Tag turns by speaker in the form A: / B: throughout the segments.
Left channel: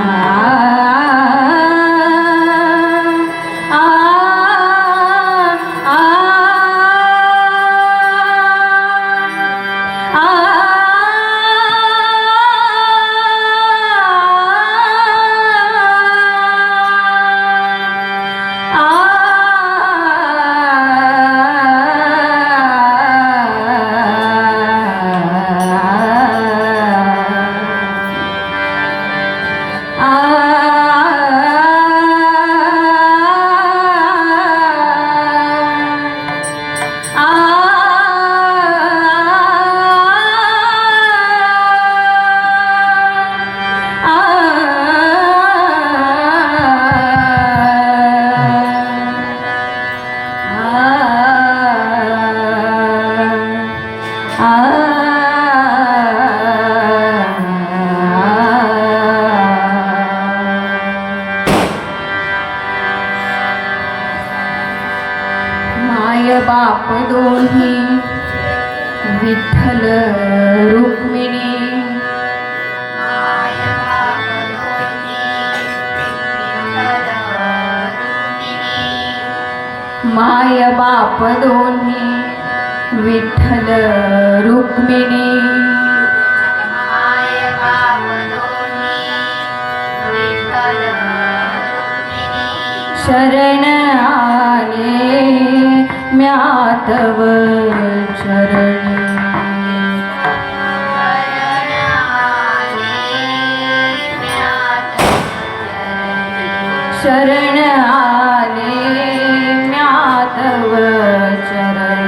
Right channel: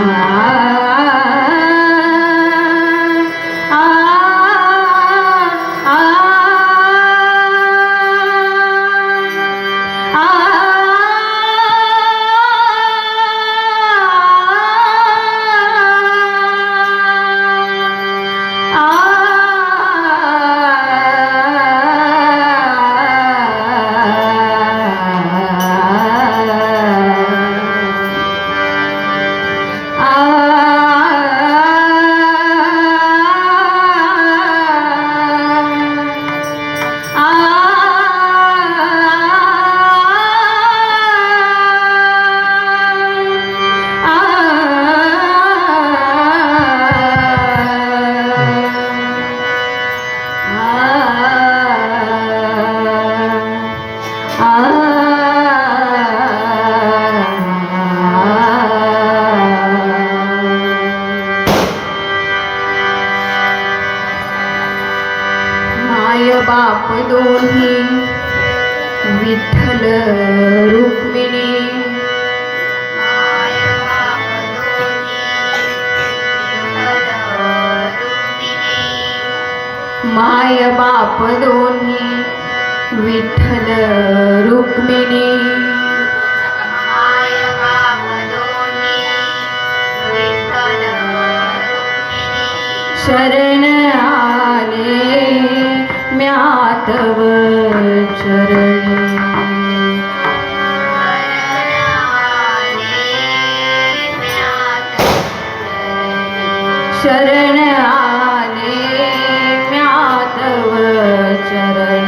A: Ah. Vitthal Rukmini. माय बाप दोन्ही विठ्ठल रुक्मिणी. शरण आले म्यातव चरण. शरण आले म्यातव चरण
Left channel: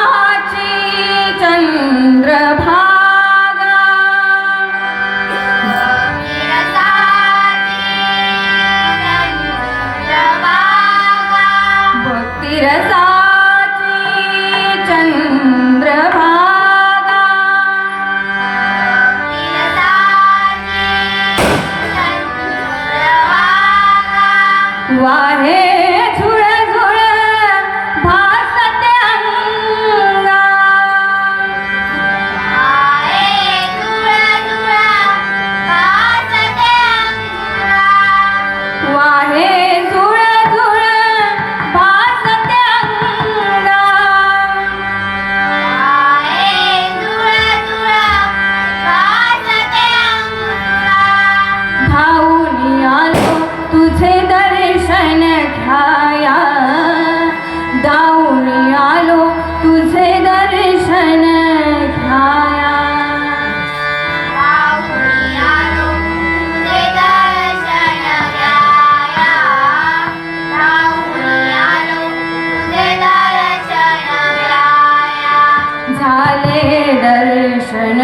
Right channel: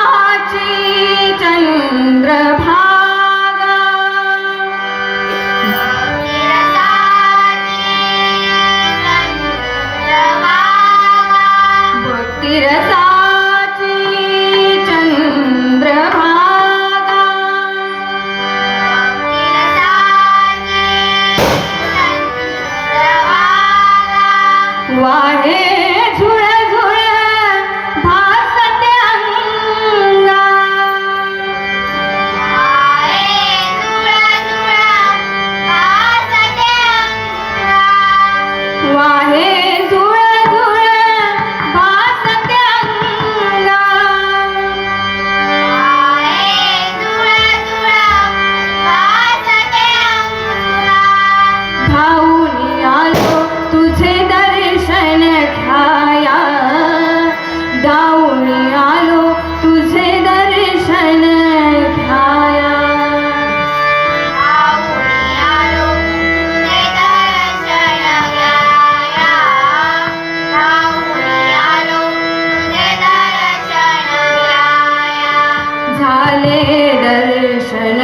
A: भक्तिरसाची चंद्रभा झाले दर्शन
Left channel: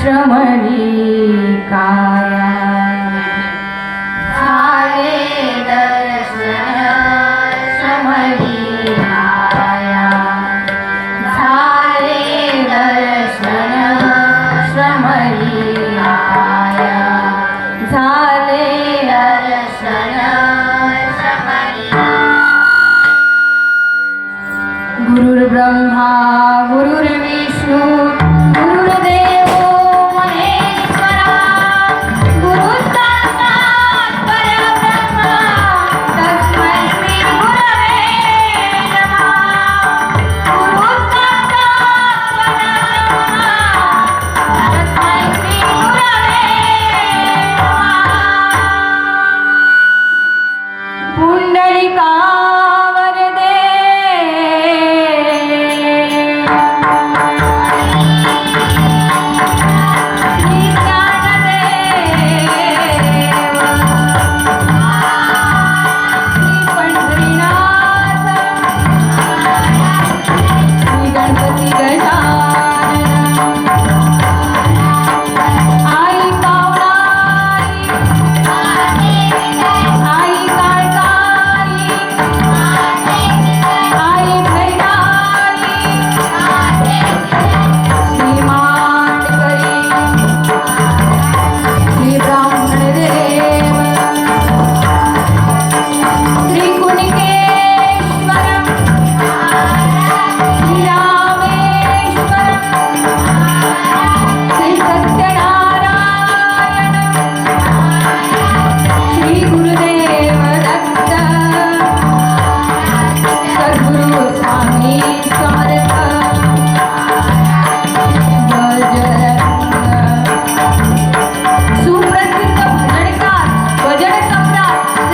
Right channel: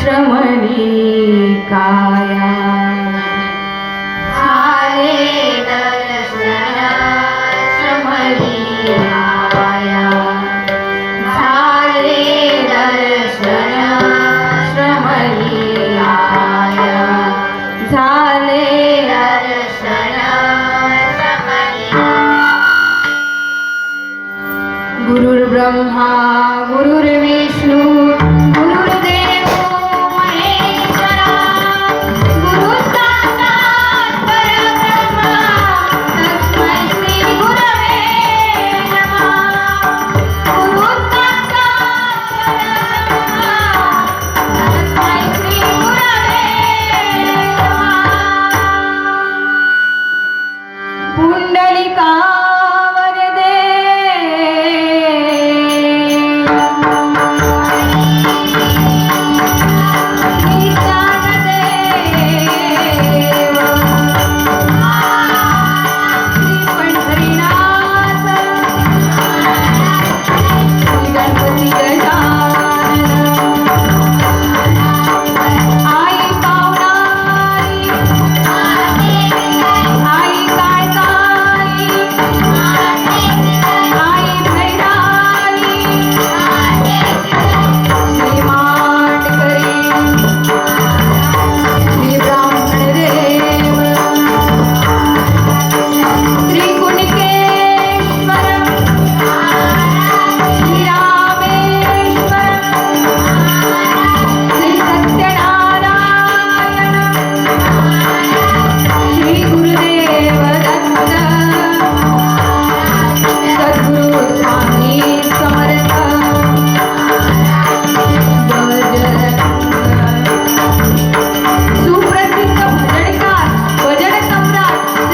A: श्रमणी काया. झाले दर्शन श्रमणी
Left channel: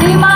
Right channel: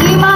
A: Ты